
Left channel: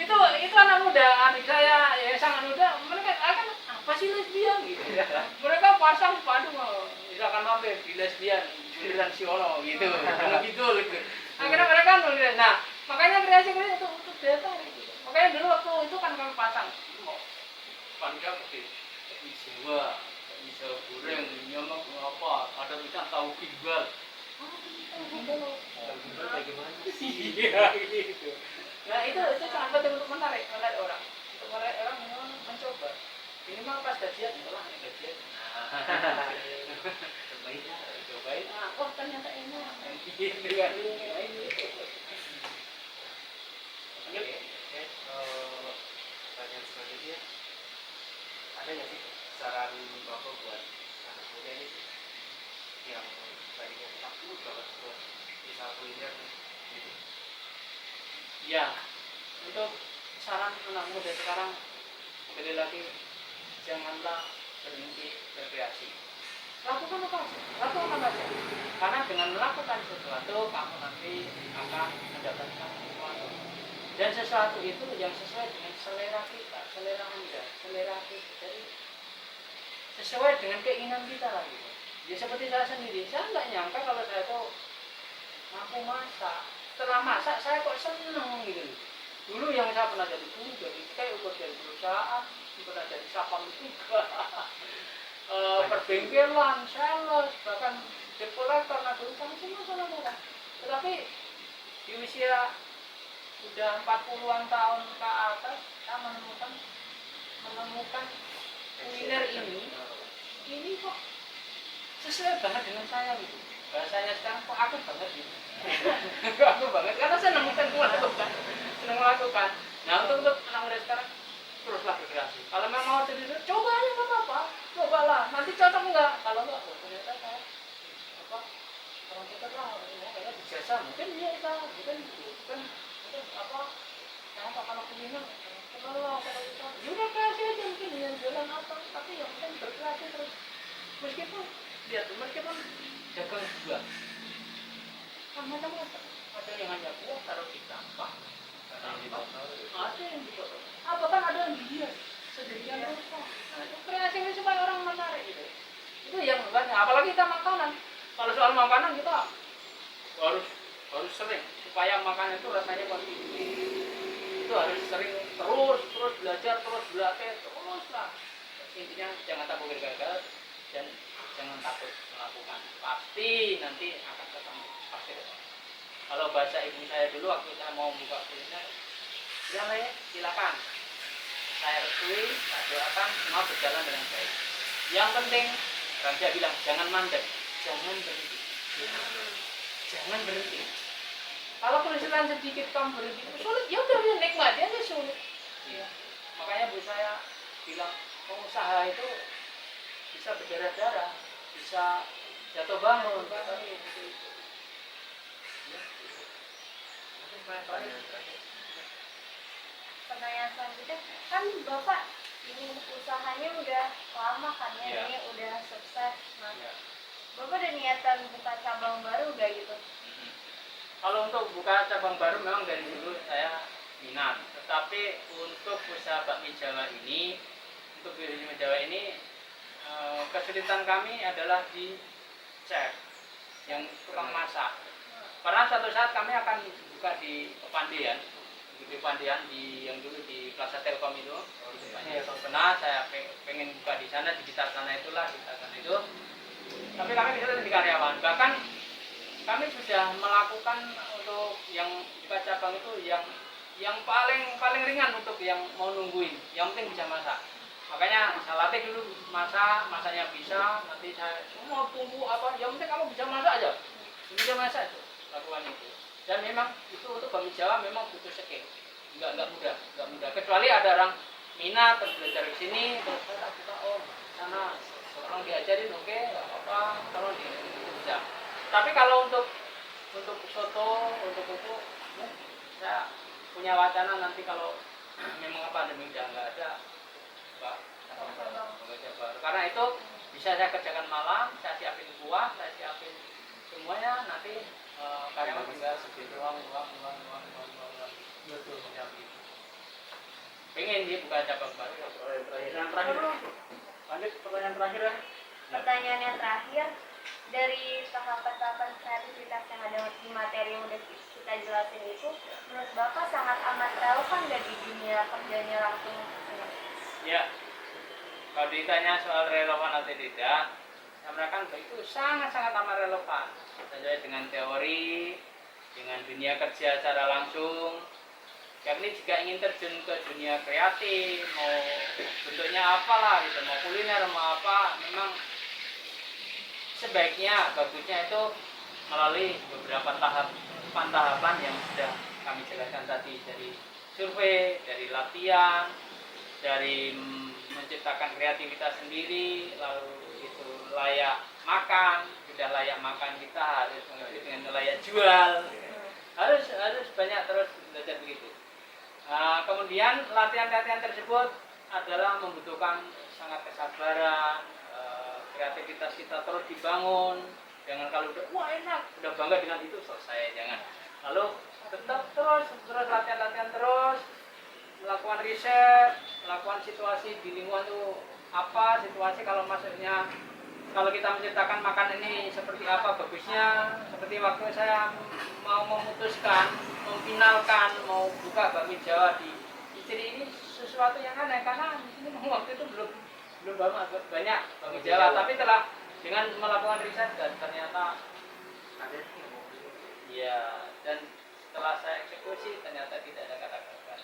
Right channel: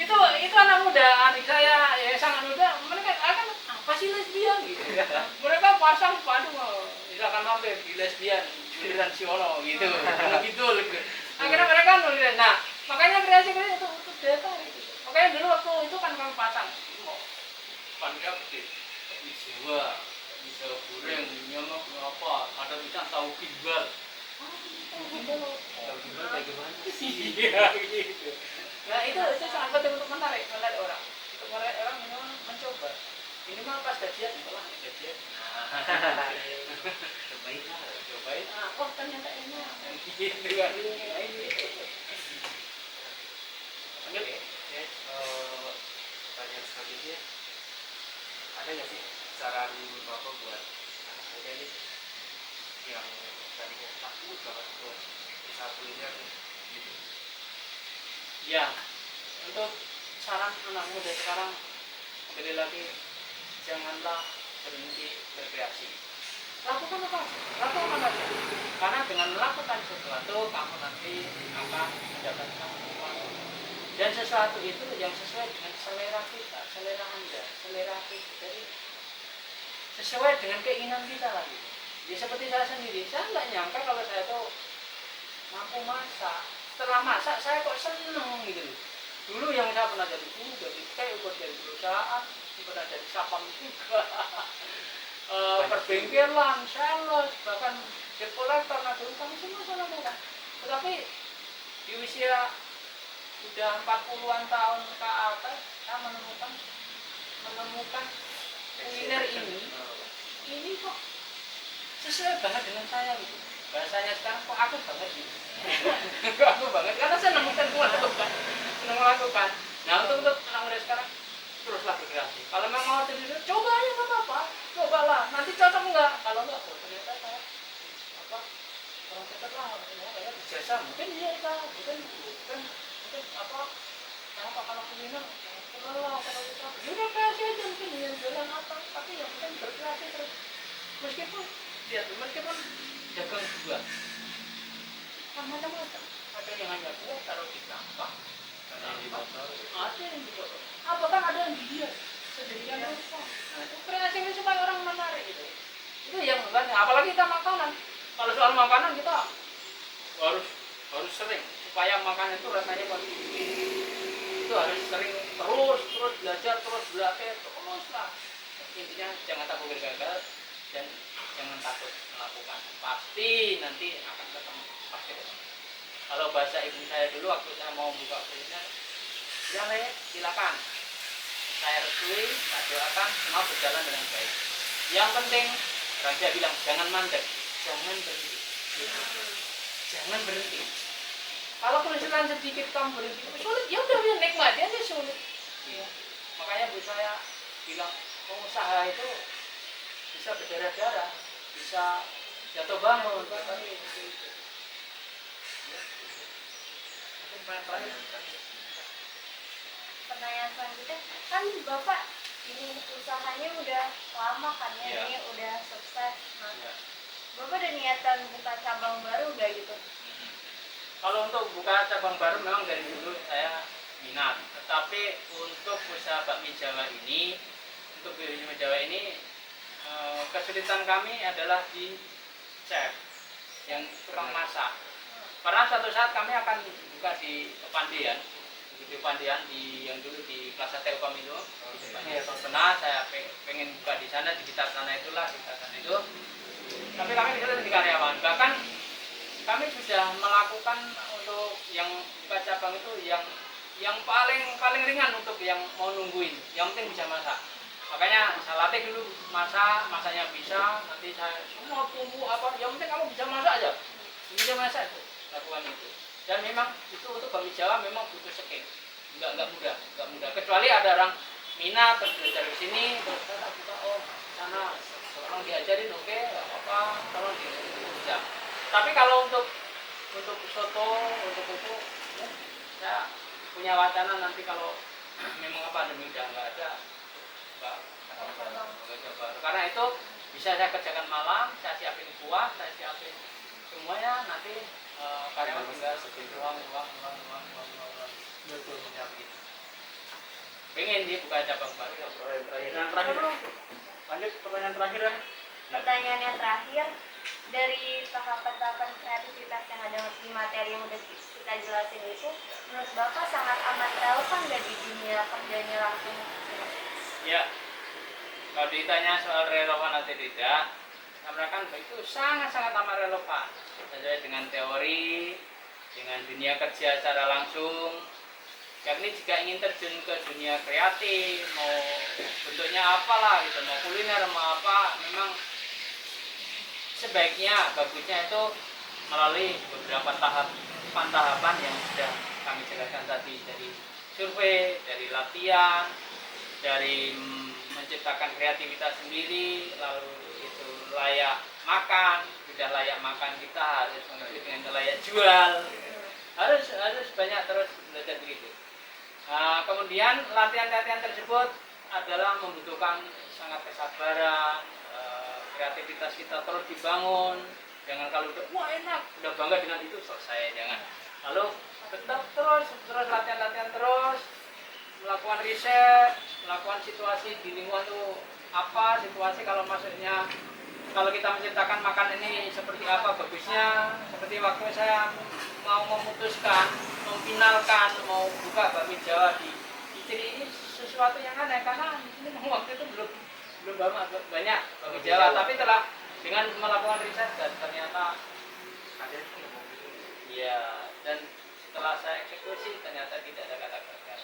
Itu anak muda, adik saya yang sangat muda, mereka akan apa sih lesbian gitu. Mereka pasang padu, misalkan mampir di lesbian, giliran Siono gitu, gitu. Akhirnya mereka nulis. Nah, makanya kreasi itu untuk data gitu. Makanya dulu waktu itu kan kami pasang, mau panitia gede, Jawa, bisa goreng, nyamak apa, ada misalnya tahu kimbal. Tahu gimana bagaimana sih? Iya gitu. Nah itu sangat penting untuk menarik orang, untuk menarik orang mencoba. Minimal pas gajian, itulah gajian. Nah, Cobain lah. cobain. Oh ternyata enak. Gitu kan ini. Oke, pertanyaan selanjutnya, ada nggak sih saran bapak buat anak muda nih yang tadinya takut banget buat usaha kuliner gitu? Ya, untuk saran anak muda sekarang kembali lagi, janganlah berhenti berkreasi. Lakukan apa aja, lakukan aja. Karena dengan melakukan sesuatu kamu nanti akan mendapatkan sesuatu. Dan sesuatu itu yang sesuai dengan selera kita, selera Anda, selera kita. Jadi sesuai dengan keinginan kita lah gitu. Ya seperti saya sendiri, saya nggak nyangka kalau saya tuh mampu masak. Setelah masak saya kok seneng gitu loh. Dulu yang saya pernah jadi guru, jadi buat dari perusahaan, pernah jadi sapam juga, perbengkelan, sales, bahkan debt collector, nah dulu kami semua salah merah. Tetapi di usia udah 40-an tahun ke atas, saya menemukan kuliner ini kok sesuai banget dengan saya gitu. Bahasanya sekarang kok aku banget gitu. Kok aku banget karena saya nemukan melakukan. Nah untuk anak muda sekarang teruslah berkreasi. Kalau memang mau terjadi, coba aja nggak apa-apa, cobalah. Nanti cocok nggak? Kalau nggak, oh ternyata saya apa orang cocok lah, ya kayak dijasa mungkin iya bukan apa kenapa kalau kuliner kalau kita ya udah kreasi aja mungkin yang jualan apa, tapi yang penting berkreasi terus. Meskipun dagang buah kan macam-macam, ada yang hanya buah taruh di sampah, ada yang di botol, bahkan ada yang dihias sedemikian rupa. Nah itu kreasi supaya orang menarik gitu. Itu yang banyak, apalagi kita makanan. Kalau soal makanan kita harus sering supaya makanan itu rasanya bagus. Itu harus sering terus belajar, terus berlatih, terus lah. Intinya jangan takut gagal dan jangan takut melakukan. Pasti nanti akan ketemu, pasti ketemu. Kalau bahasa ibu saya dulu waktu saya mau buka kuliner, bilang saya silakan. Saya restui, saya doakan semua berjalan dengan baik. Yang penting, orang saya bilang jangan mandek, jangan berhenti. Jangan berhenti. Kalau kesulitan sedikit kamu berhenti, sulit ya udah nikmati aja sulit. Ya. Makanya bu saya bilang pengusaha itu bisa berdarah-darah, bisa jatuh bangun. Pertanyaan selanjutnya, kan Bapak ini usahanya udah lama kan ya, ini udah sukses. Nah, Bapak ada niatan buka cabang baru nggak gitu? Kalau untuk buka cabang baru memang dari dulu saya minat, tetapi untuk usaha bakmi Jawa ini, kesulitan kami adalah di chef yang tukang masak. Karena suatu saat kami akan buka di Pandian, yang dulu di Plaza Telkom itu. Pernah saya pengen buka di sana, di sekitar sana itu. Tapi kami tidak di karyawan. Bahkan kami sudah melakukan untuk yang buka cabang itu yang paling ringan untuk yang mau nungguin, yang penting bisa masak. Makanya saya latih dulu masaknya bisa, nanti saya semua tunggu apa, yang penting kamu bisa masak aja, bisa masak itu, lakukan itu. Dan memang itu untuk bakmi Jawa memang butuh skill, nggak mudah, kecuali ada orang minat terus belajar di sini, terus saya buka sana, tolong diajarin, oke, nggak apa-apa, tolong bisa. Tapi kalau untuk soto, untuk itu, saya punya wacana nanti kalau memang pandemi udah nggak ada Mbak, bekerja baru. Karena itu bisa saya kerjakan malam, saya siapin kuah, saya siapin semuanya, nanti karyawan tinggal uang. Betul, macam itu. Pengen dia buka cabang baru. Yang terakhir, lanjut pertanyaan terakhir ya. Pertanyaan yang terakhir, dari tahapan-tahapan kreativitas yang ada di materi yang udah kita jelasin itu, menurut Bapak sangat amat relevan nggak di dunia kerjanya langsung? Ya, kalau ditanya soal relevan atau tidak, saya mengatakan itu sangat-sangat amat relevan sesuai dengan teori, dengan dunia kerja secara langsung. Yakni jika ingin terjun ke dunia kreatif, mau bentuknya apalah gitu, mau kuliner, mau apa, memang sebaiknya, bagusnya itu melalui beberapa tahapan yang sudah kami jelaskan tadi, dari survei, dari latihan, dari menciptakan kreativitas sendiri, lalu itu layak makan, sudah layak makan kita harus mengerti dengan layak jual, harus banyak terus belajar begitu. Nah, kemudian latihan-latihan tersebut adalah membutuhkan sangat kesabaran, kreativitas kita terus dibangun. Jangan kalau udah wah enak, udah bangga dengan itu selesai, jangan. Lalu tetap terus latihan terus, melakukan riset, melakukan situasi di lingkungan itu apa, situasi kalau maksudnya kalau kita menciptakan makan ini seperti apa bagusnya, seperti waktu saya mau memutuskan, memfinalkan, mau buka bakmi Jawa di Ciri ini sesuatu yang aneh karena di sini waktu itu belum banyak bakmi Jawa, tapi telah dengan melakukan riset dan ternyata ada ya, dan setelah saya eksekusi ternyata tidak ada kata gagal.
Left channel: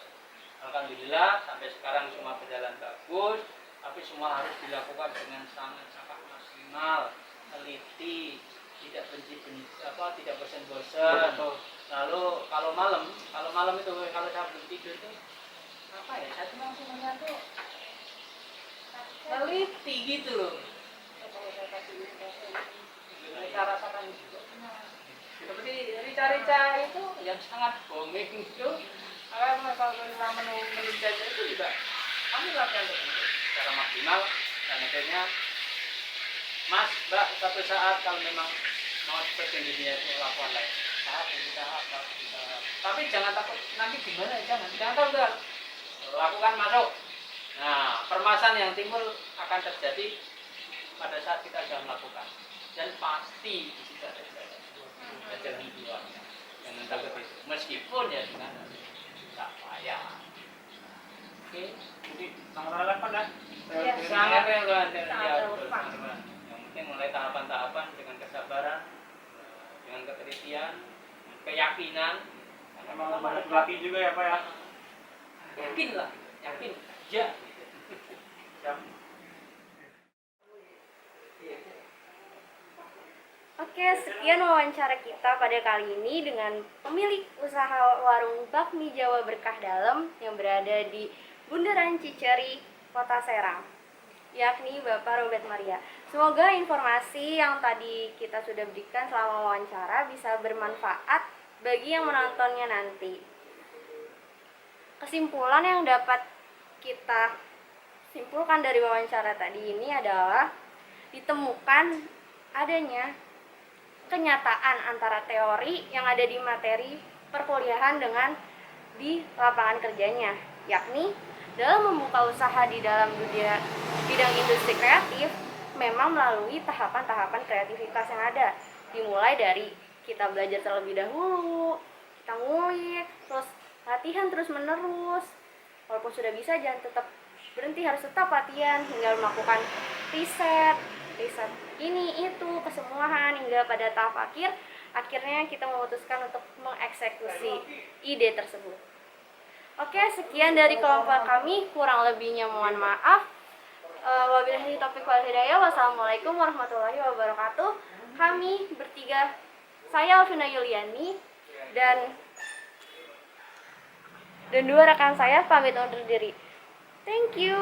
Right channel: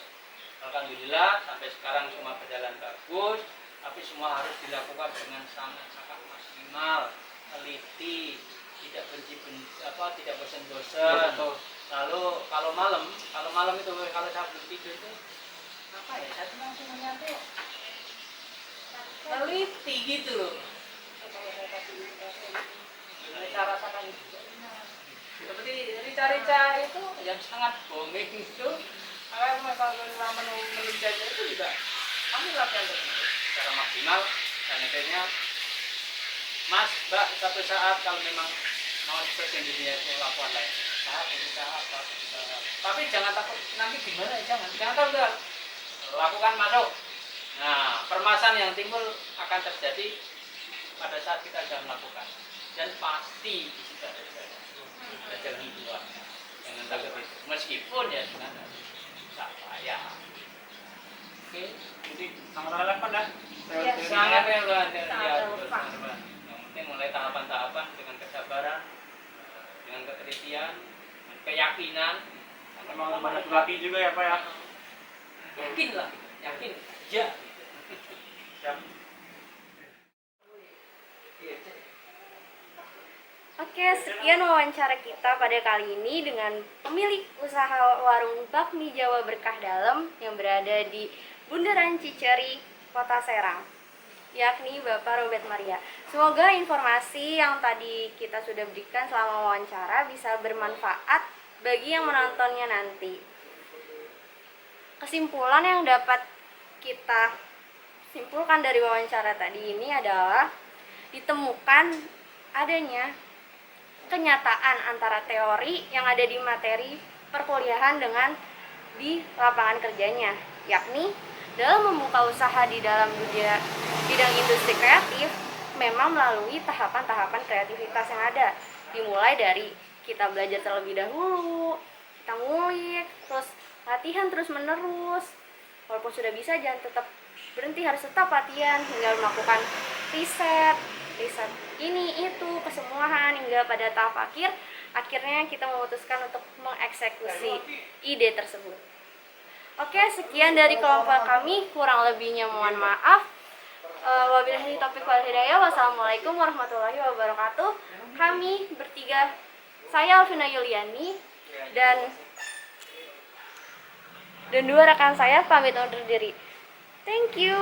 Alhamdulillah sampai sekarang semua berjalan bagus, tapi semua harus dilakukan dengan sangat maksimal, teliti, tidak tidak bosan-bosan. Lalu kalau malam itu kalau saya belum tidur itu apa ya, saya cuma semuanya tuh teliti gitu loh. Kalau saya kasih saya rasakan juga. Seperti rica-rica itu yang sangat booming itu, kalau menu-menunya itu juga kami latihan tertentu secara maksimal, dan akhirnya Mas, Mbak, satu saat kalau memang mau seperti dunia itu lakukan lagi tahap. Tapi jangan takut nanti gimana, jangan takut, lakukan, masuk. Nah, permasalahan yang timbul akan terjadi pada saat kita sudah melakukan, dan pasti di situ ada jalan keluarnya. Jangan takut itu, meskipun ya dengan susah payah. Oke, Jadi sangat relevan ya. Iya, sangat relevan. Yang penting mulai tahapan-tahapan dengan kesabaran, dengan ketelitian, dengan keyakinan. Memang banyak berlatih juga ya Pak ya. Yakinlah, yakin aja. Siap. Oke, sekian wawancara kita pada kali ini dengan pemilik usaha warung bakmi Jawa Berkah Dalam yang berada di Bundaran Ciceri, Kota Serang, yakni Bapak Robert Maria. Semoga informasi yang tadi kita sudah berikan selama wawancara bisa bermanfaat bagi yang menontonnya nanti. Kesimpulan yang dapat kita simpulkan dari wawancara tadi ini adalah ditemukan adanya kenyataan antara teori yang ada di materi perkuliahan dengan di lapangan kerjanya, yakni dalam membuka usaha di dalam bidang industri kreatif memang melalui tahapan-tahapan kreativitas yang ada, dimulai dari kita belajar terlebih dahulu, kita ngulik, terus latihan terus menerus, walaupun sudah bisa jangan tetap berhenti, harus tetap latihan hingga melakukan riset ini itu kesemuahan hingga pada tahap akhirnya kita memutuskan untuk mengeksekusi ide tersebut. Oke, sekian dari kelompok kami, kurang lebihnya mohon maaf. Wabillahi taufiq wal hidayah. Wassalamualaikum warahmatullahi wabarakatuh. Kami bertiga, saya Alvina Yuliani dan dua rekan saya pamit undur diri. Thank you.